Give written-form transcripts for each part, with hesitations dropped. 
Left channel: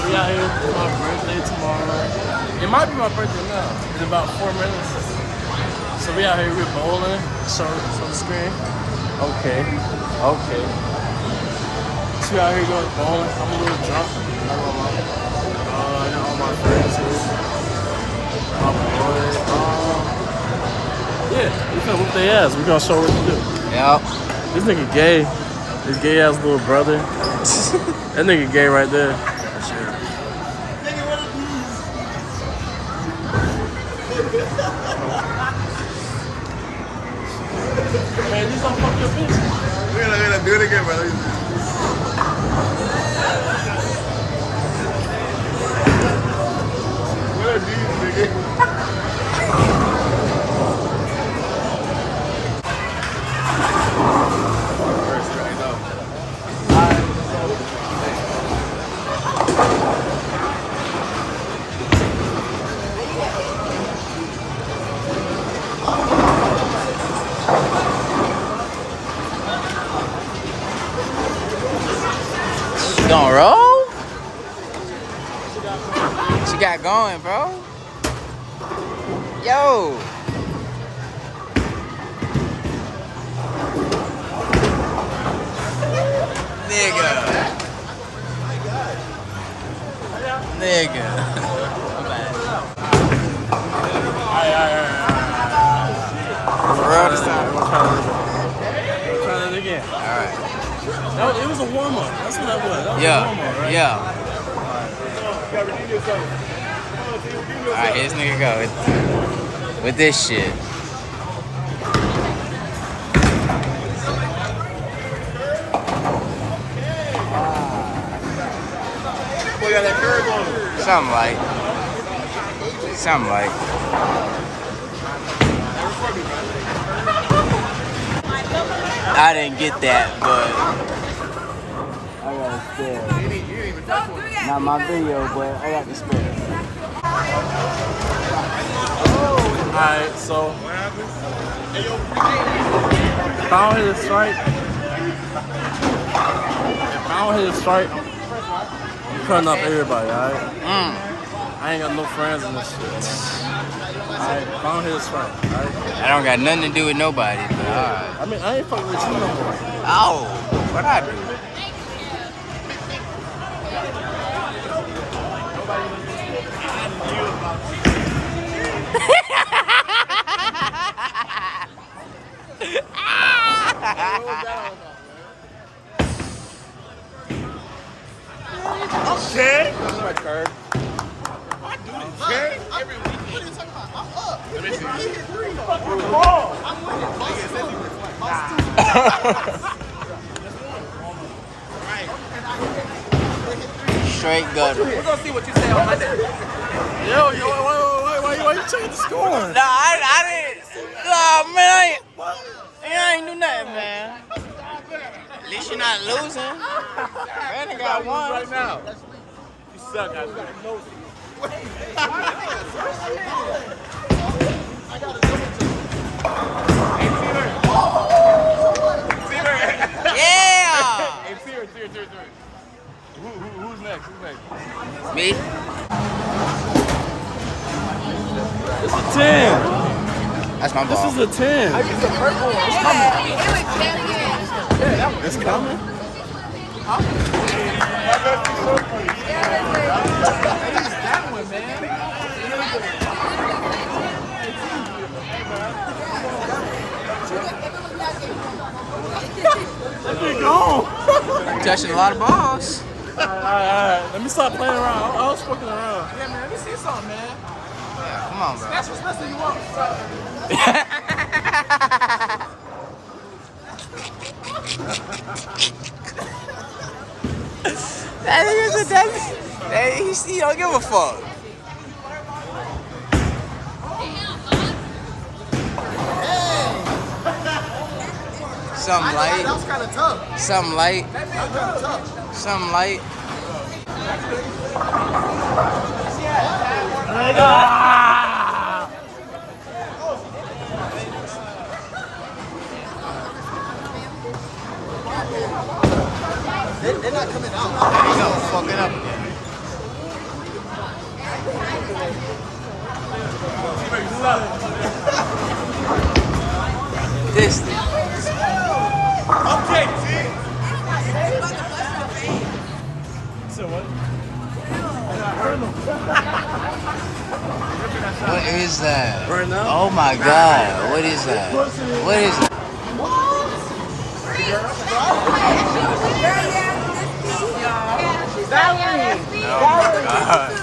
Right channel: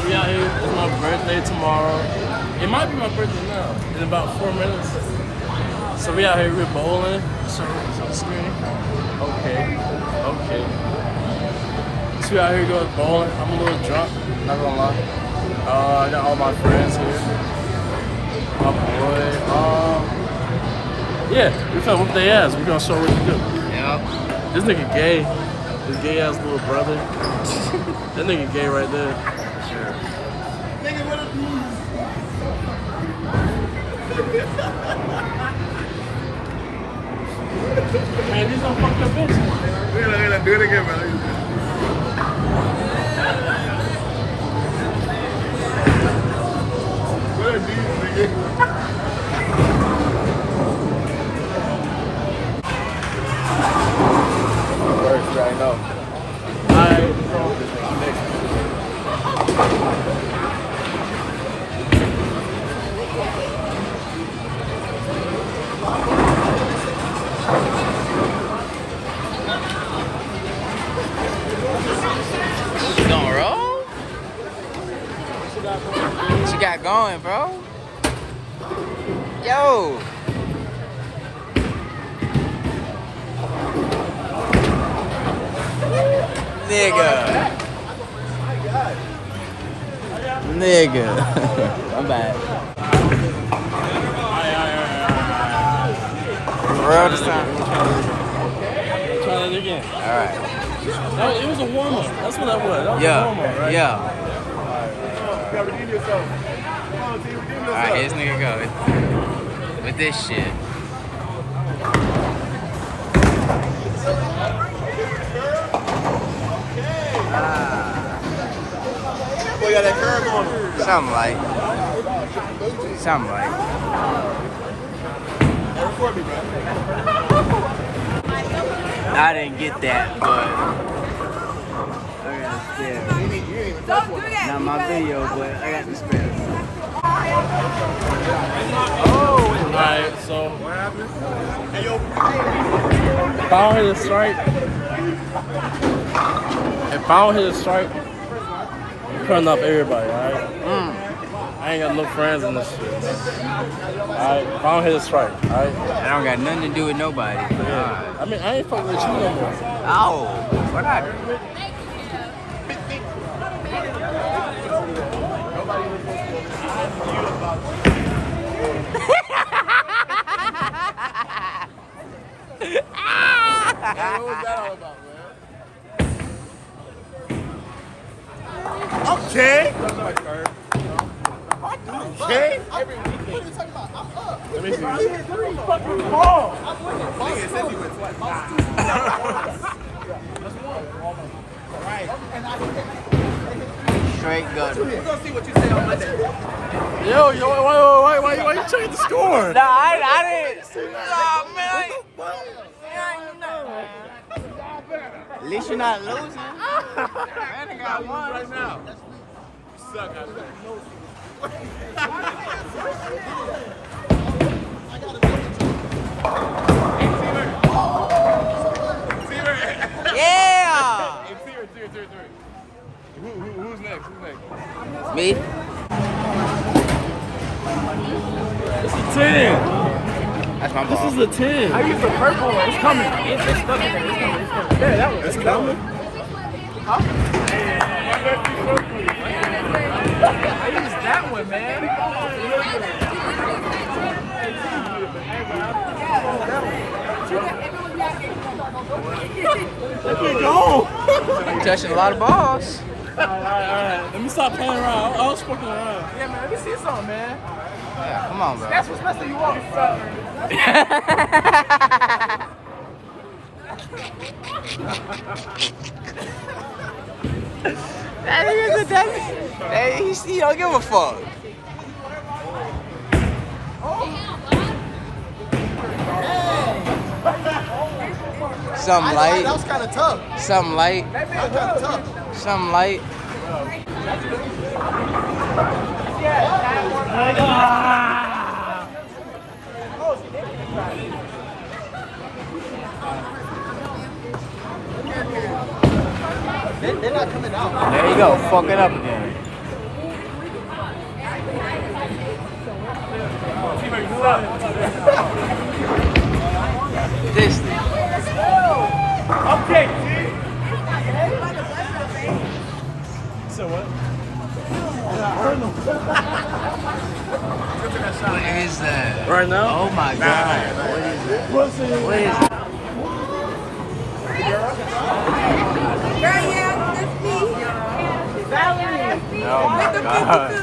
So we out here. It's my birthday tomorrow. It might be my birthday now. In about 4 minutes. So we out here. We're bowling. So screen. Okay. So we out here going bowling. I'm a little drunk. Not gonna lie. I got all my friends here. My boy. Yeah, we finna whoop their ass. We gonna show what to do. Yep. This nigga gay. His gay ass little brother. That nigga gay right there. For sure. Nigga, what are these? Man, these don't fuck your bitch. We're gonna do it again, bro. What are these, nigga? You gonna roll? What you got going, bro? Yo. Nigga. I'm bad. Real this time. Try that again. Alright. It was a warm up. That's what that was. That was a Yeah. warm up, right? Yeah. You gotta redeem yourself. Alright, here this nigga go. With this shit. Something like. I didn't get that, but I got a spare. Don't do that. Not my video, but I got the spare. Alright, so if I don't hit a strike, I'm cutting up everybody, alright? I ain't got no friends in this shit. Alright, if I don't hit a strike, alright? I don't got nothing to do with nobody, but alright. I mean, I ain't fucking with you no more. Oh, what I do? Okay? Okay? Let me Straight gutter. We're gonna see what you say on Monday. Why you checking the score? Nah, I didn't. Nah, man, I ain't do nothing, man. At least you're not losing. Brandon got one. Now. You suck at Yeah. Who's next? Me? It's a 10. That's my This ball. is a 10. It's coming. It's coming. Let me go. You touching a lot of balls. All right. Let me stop playing around. I was fucking around. Let me see something, man. Yeah, come on, bro. Especially you walking That nigga's a that he don't give a fuck. Something light. That was kind of tough. Something light. That was kind of tough. Something light. They're not coming out. There you go. Fuck it up again. said what? What is that? Right now? Oh my God! What is that? What is that? Oh my God!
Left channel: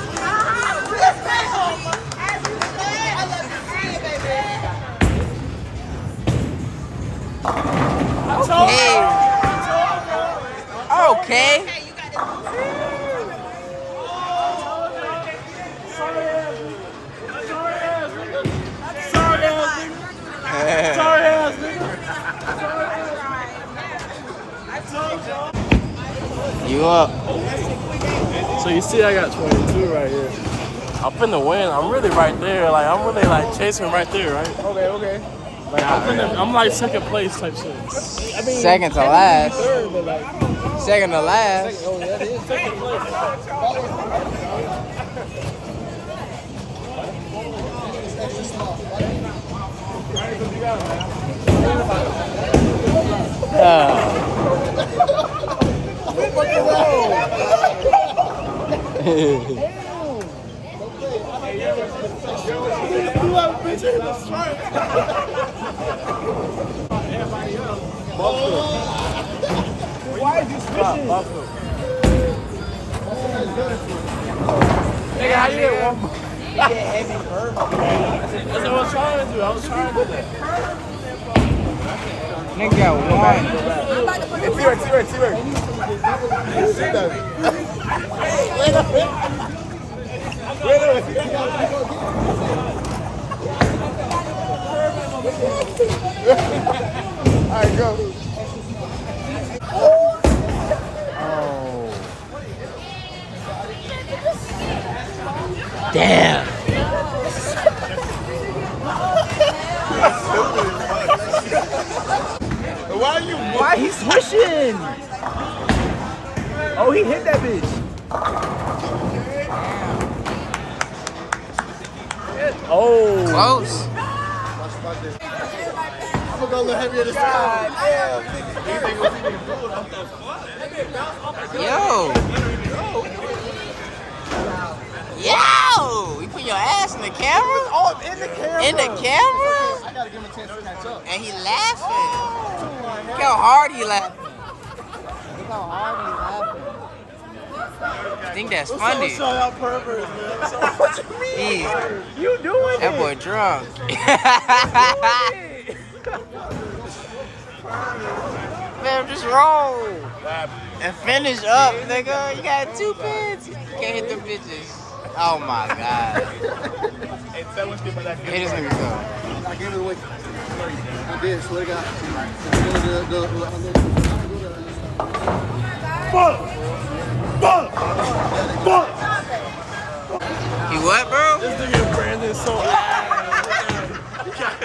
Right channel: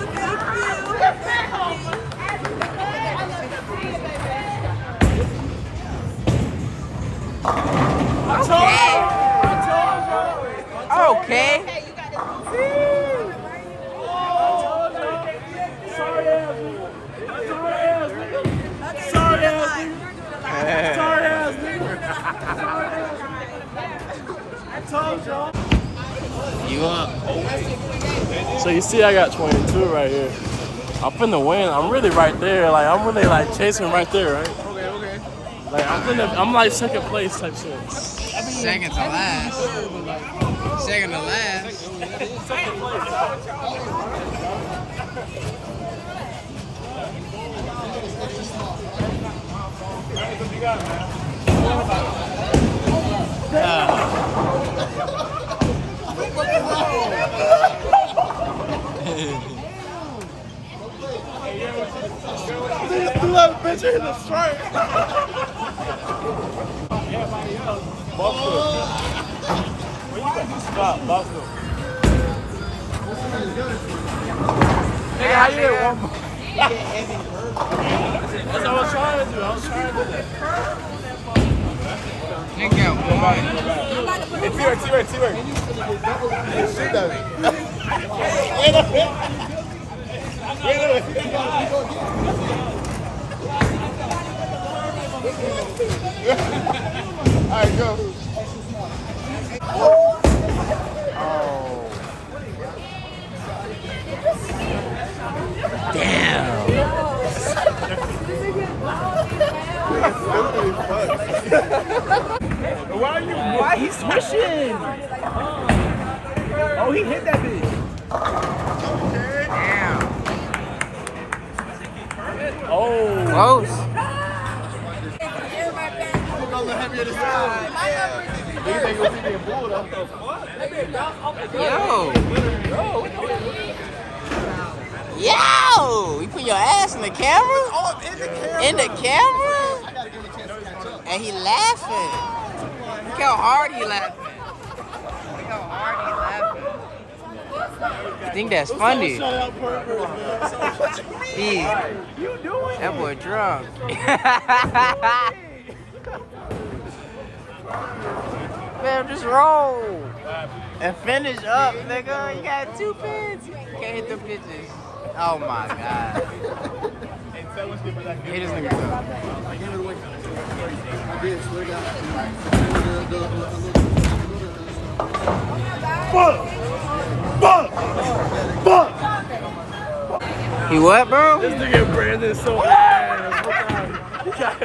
Okay. Sorry ass nigga. I told y'all. You up? So you see I got 22 right here. I'm finna win. I'm really right there. Like I'm really like chasing right there, right? Okay. Like I'm like second place type shit. I mean, Second to last. third, but like Second to last. oh yeah, it is second place. You have a picture in the strike. Nigga, how you get one? That's what I was trying to do. I was trying to do that. Nigga got one. T-Rex. Sit down. All right, go. Damn. Why he swishing? Oh, he hit that bitch. Damn. Oh. Close. I'm gonna go a little heavier this time. Yo. Yo. You put your ass in the camera? Oh, in the camera. In the camera? I gotta give him a chance to catch up. And he laughing. Look how hard he laughing. Look how hard he laughing. You think that's funny? Shout out perverts, man. He, You doing that boy drunk. Man, just roll. And finish up, nigga. You got 2 pins. You can't hit them bitches. Oh my God. Hit this nigga go. Give it away. You did, slow down. Fuck! You what, bro? This nigga Brandon so ass. He got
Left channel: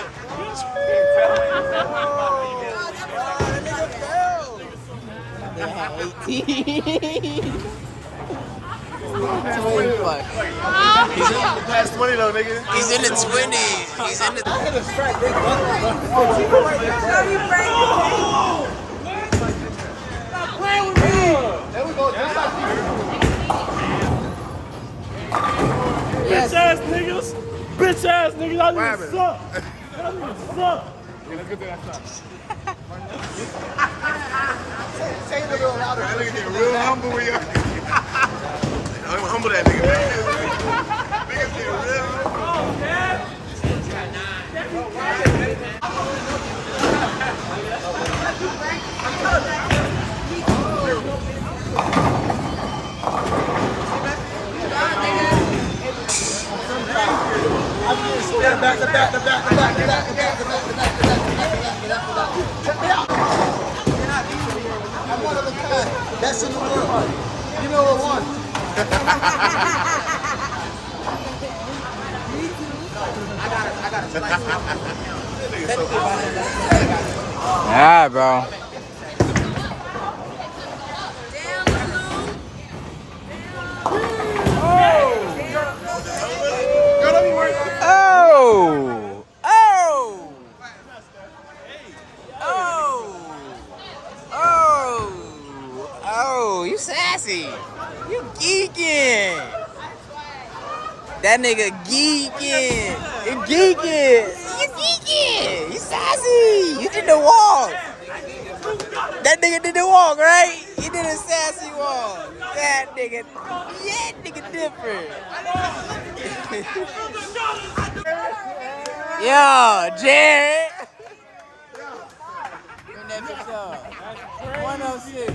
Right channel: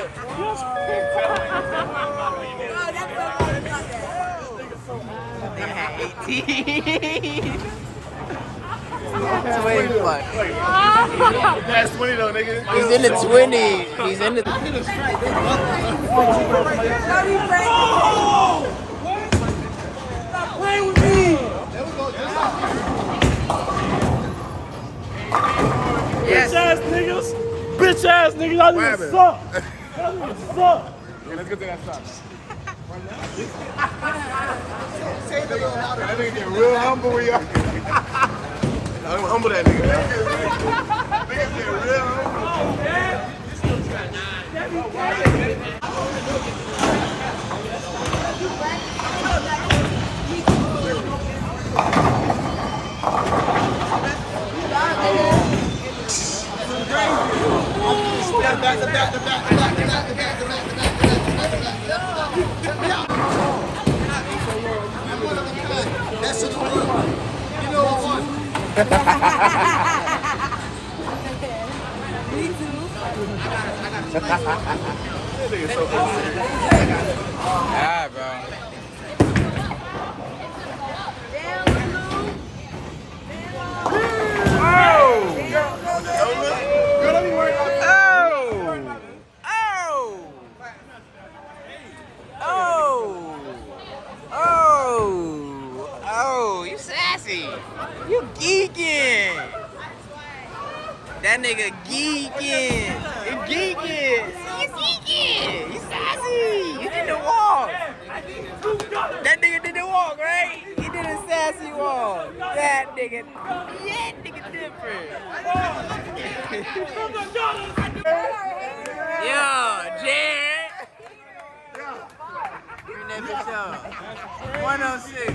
They had 18. 20 plus. Past 20 though, nigga. He's in the 20s. He's in the. bitch ass niggas. Bitch ass niggas. Y'all niggas suck. Y'all niggas suck. Yeah, let's get to that shot. Say it a little louder. That nigga getting real humble when you. I don't humble that nigga, man. Niggas getting real Yeah, bro. Oh, you sassy. You geeking. That nigga geeking. You geeking. You geeking. You sassy. You did the walk. That nigga did the walk, right? He did a sassy walk. That nigga different. Yo, Jared. Turn that bitch up. 106.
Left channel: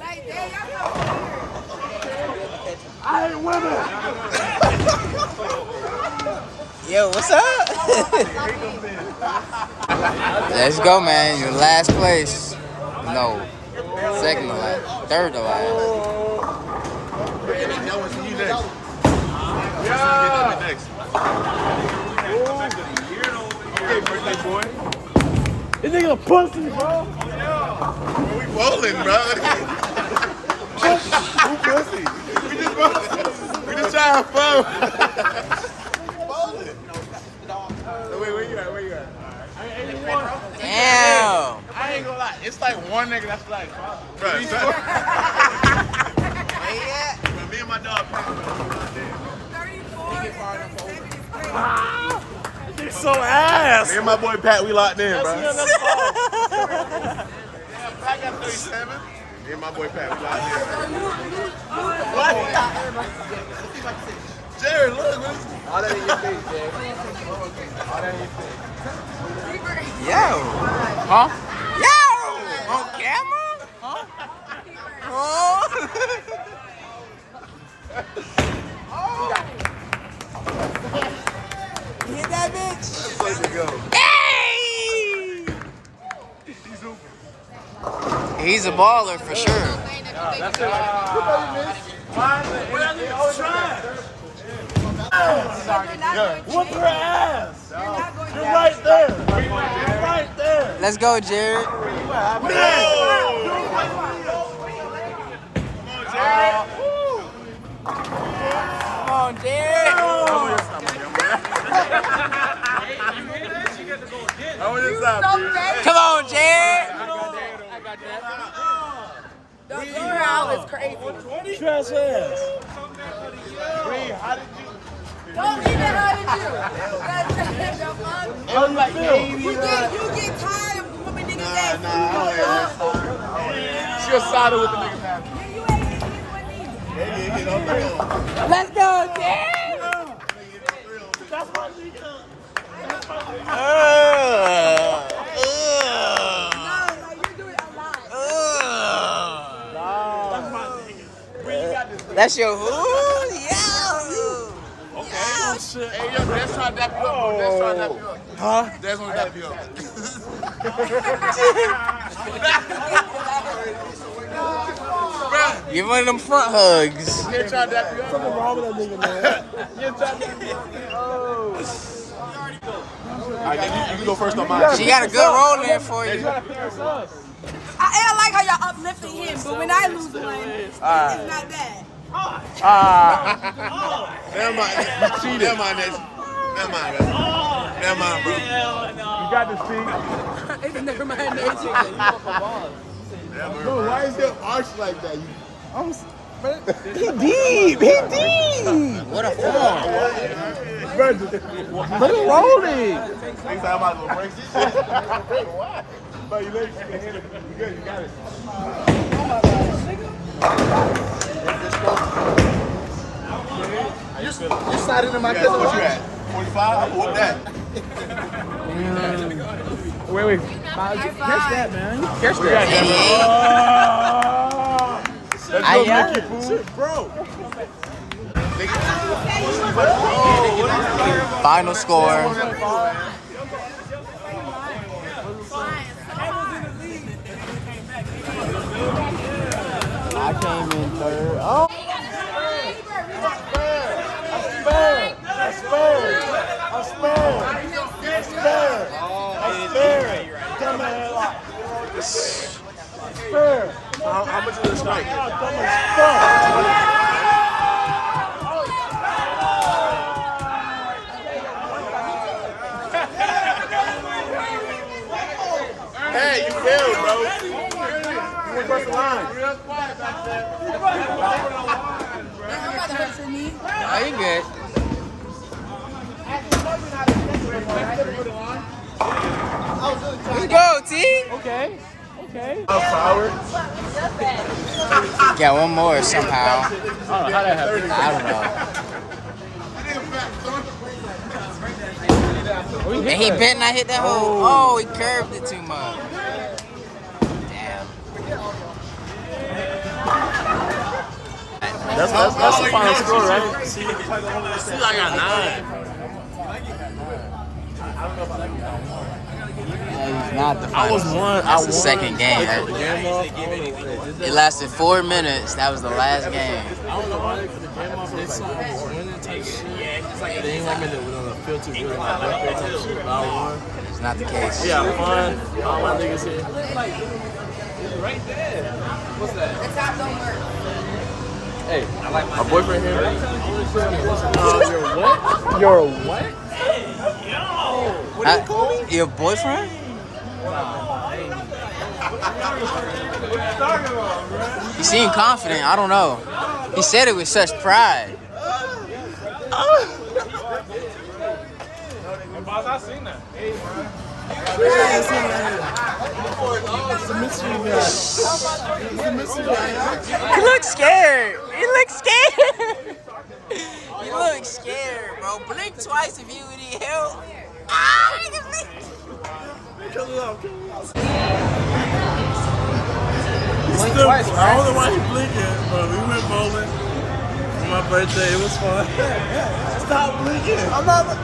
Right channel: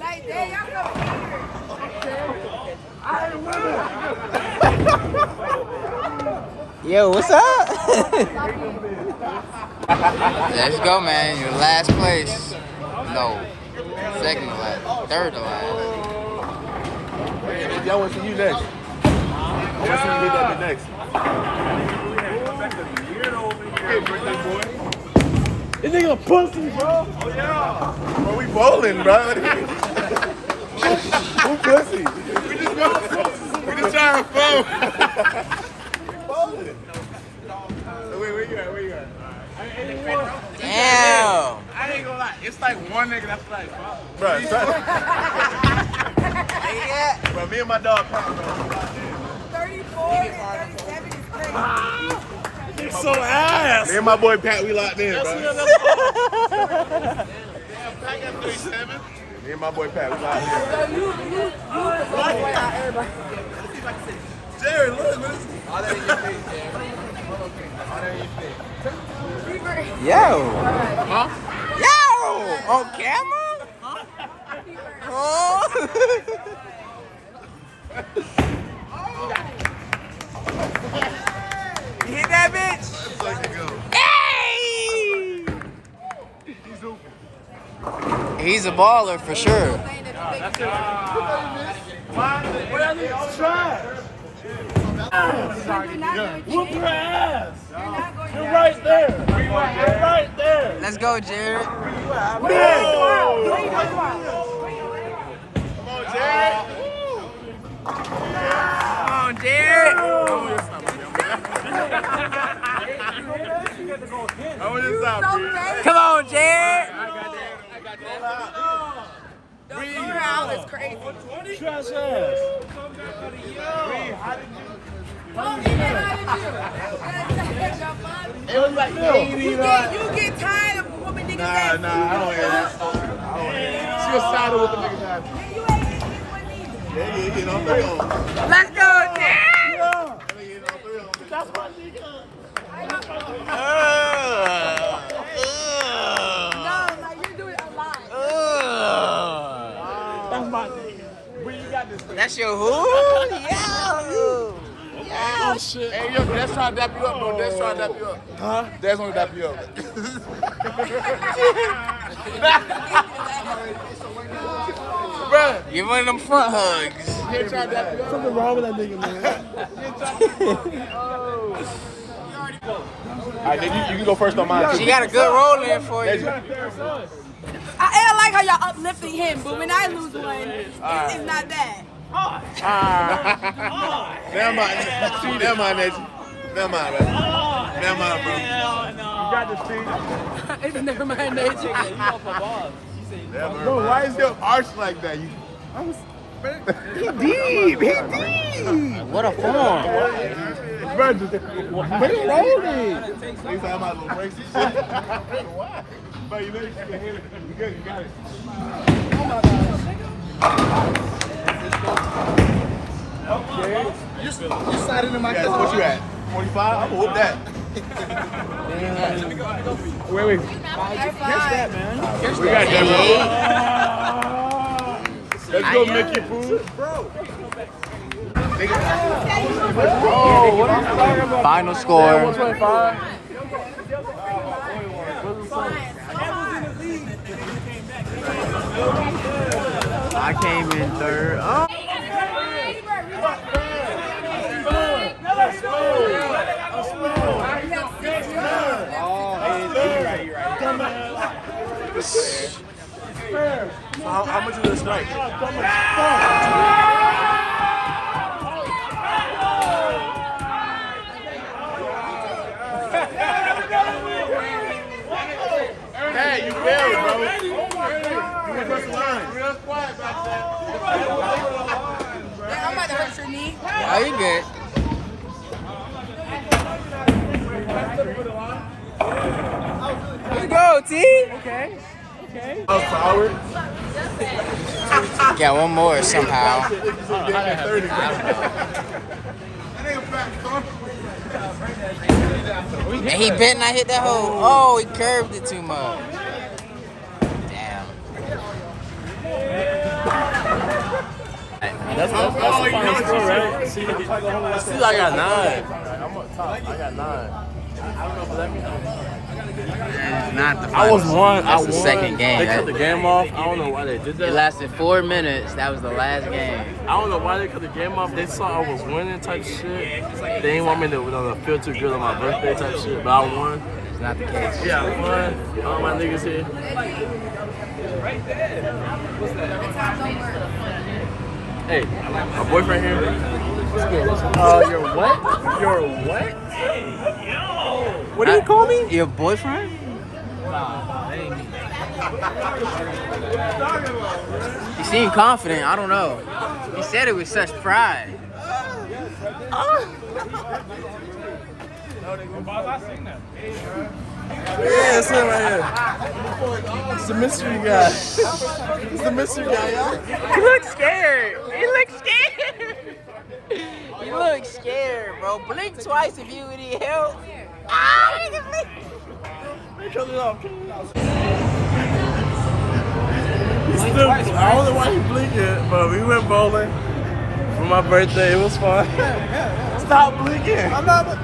Like, damn, y'all so weird. I ain't winning. Yo, what's up? Let's go, man. Your last place. No. Second to last. Third to last. Y'all want to see you next. I want to see you get that next. Hey, birthday boy. This nigga a pussy, bro. We bowling, bro. Who pussy? We just trying to fun. Bowling. Where you at? I mean, 81. Damn. I ain't gonna lie. It's like one nigga that's like, bro. But me and my dog, 34. He's so ass. me and my boy Pat, we locked in, bro. That's Black at 37. Me and my boy Pat, we locked in. Jared, look, man. All that in your face, Jared. Yo. Huh? Yo. On camera? Huh? Oh. You hit that bitch? Hey! He's a baller for sure. whoop her ass. You're right there. You're right there. Let's go, Jared. Come on, Jared. Come on, Jared. The floor is crazy. Trash ass. Don't even hurt you. That's your fun. How you feel? You get tired of whooping niggas' ass. Nah, I don't hear this. She was solid with the niggas' ass. You ain't hit one either. Yeah, don't play on. Let's go, Jared. That's my nigga. That's your who? Yo! Oh shit. Hey, yo, that's trying to dap you up, bro. That's trying to dap you up. Huh? That's gonna dap you up. Bruh, Give one of them front hugs. he ain't trying to dap you up. Something wrong with that nigga, man. Alright, then you can go first on mine. She got a good roll in for you. I like how y'all uplifting him, but when I lose one, it's not that. Never mind. Never mind, Mason. Never mind, bro. Never mind, bro. You got this team. It's never mind that. Bro, why is your arch like that? He deep. What a form. But it's rolling. Next time I'm gonna break this shit. Bro, you let you can hit it. You good, you got it. You sat into my cousin. What you at? 45? I'm gonna whoop that. Wait. Catch that, man. We got that, bro. Let's go, Mickey Pooh. Bro. Final score. I came in third. Oh. How much is the strike? Hey, you failed, bro. You went across the line. Oh, you good. Let's go, T. Okay. Okay. Got one more somehow. I don't know. And he bet not hit that hole. Oh, he curved it too much. Damn. That's the final score, right? See, I got 9. I'm on top. I got 9. I don't know if that means I won. That is not the I final. was one. That's I the won. second game. They cut the game off. I don't know why they did that. It lasted 4 minutes. That was the last game. I don't know why they cut the game off. They saw I was winning type shit. They didn't want me to feel too good on my birthday type shit, but I won. It's not the case. We had fun. All my niggas here. Hey, my boyfriend here. You're what? You're what? What do you call me? Your boyfriend? Nah, that ain't me. He seemed confident. I don't know. He said it with such pride. Yeah, it's him right here. It's the mystery guy. It's the mystery guy, y'all. He looks scared. He looks scared. He looks scared, bro. Blink twice if you need help. Ah, he can blink. Cut it off. He's still, I don't know why he's blinking, but we went bowling for my birthday. It was fun. Stop blinking. I'm not.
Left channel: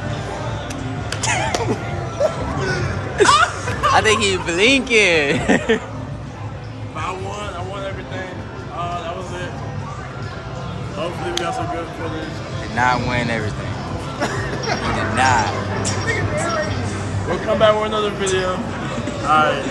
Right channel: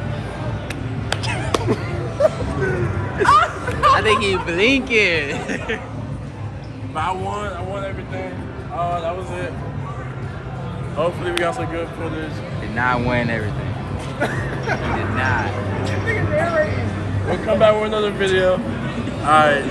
I think he's blinking. But I won everything. That was it. Hopefully we got some good footage. Did not win everything. He did not. We'll come back with another video. Alright.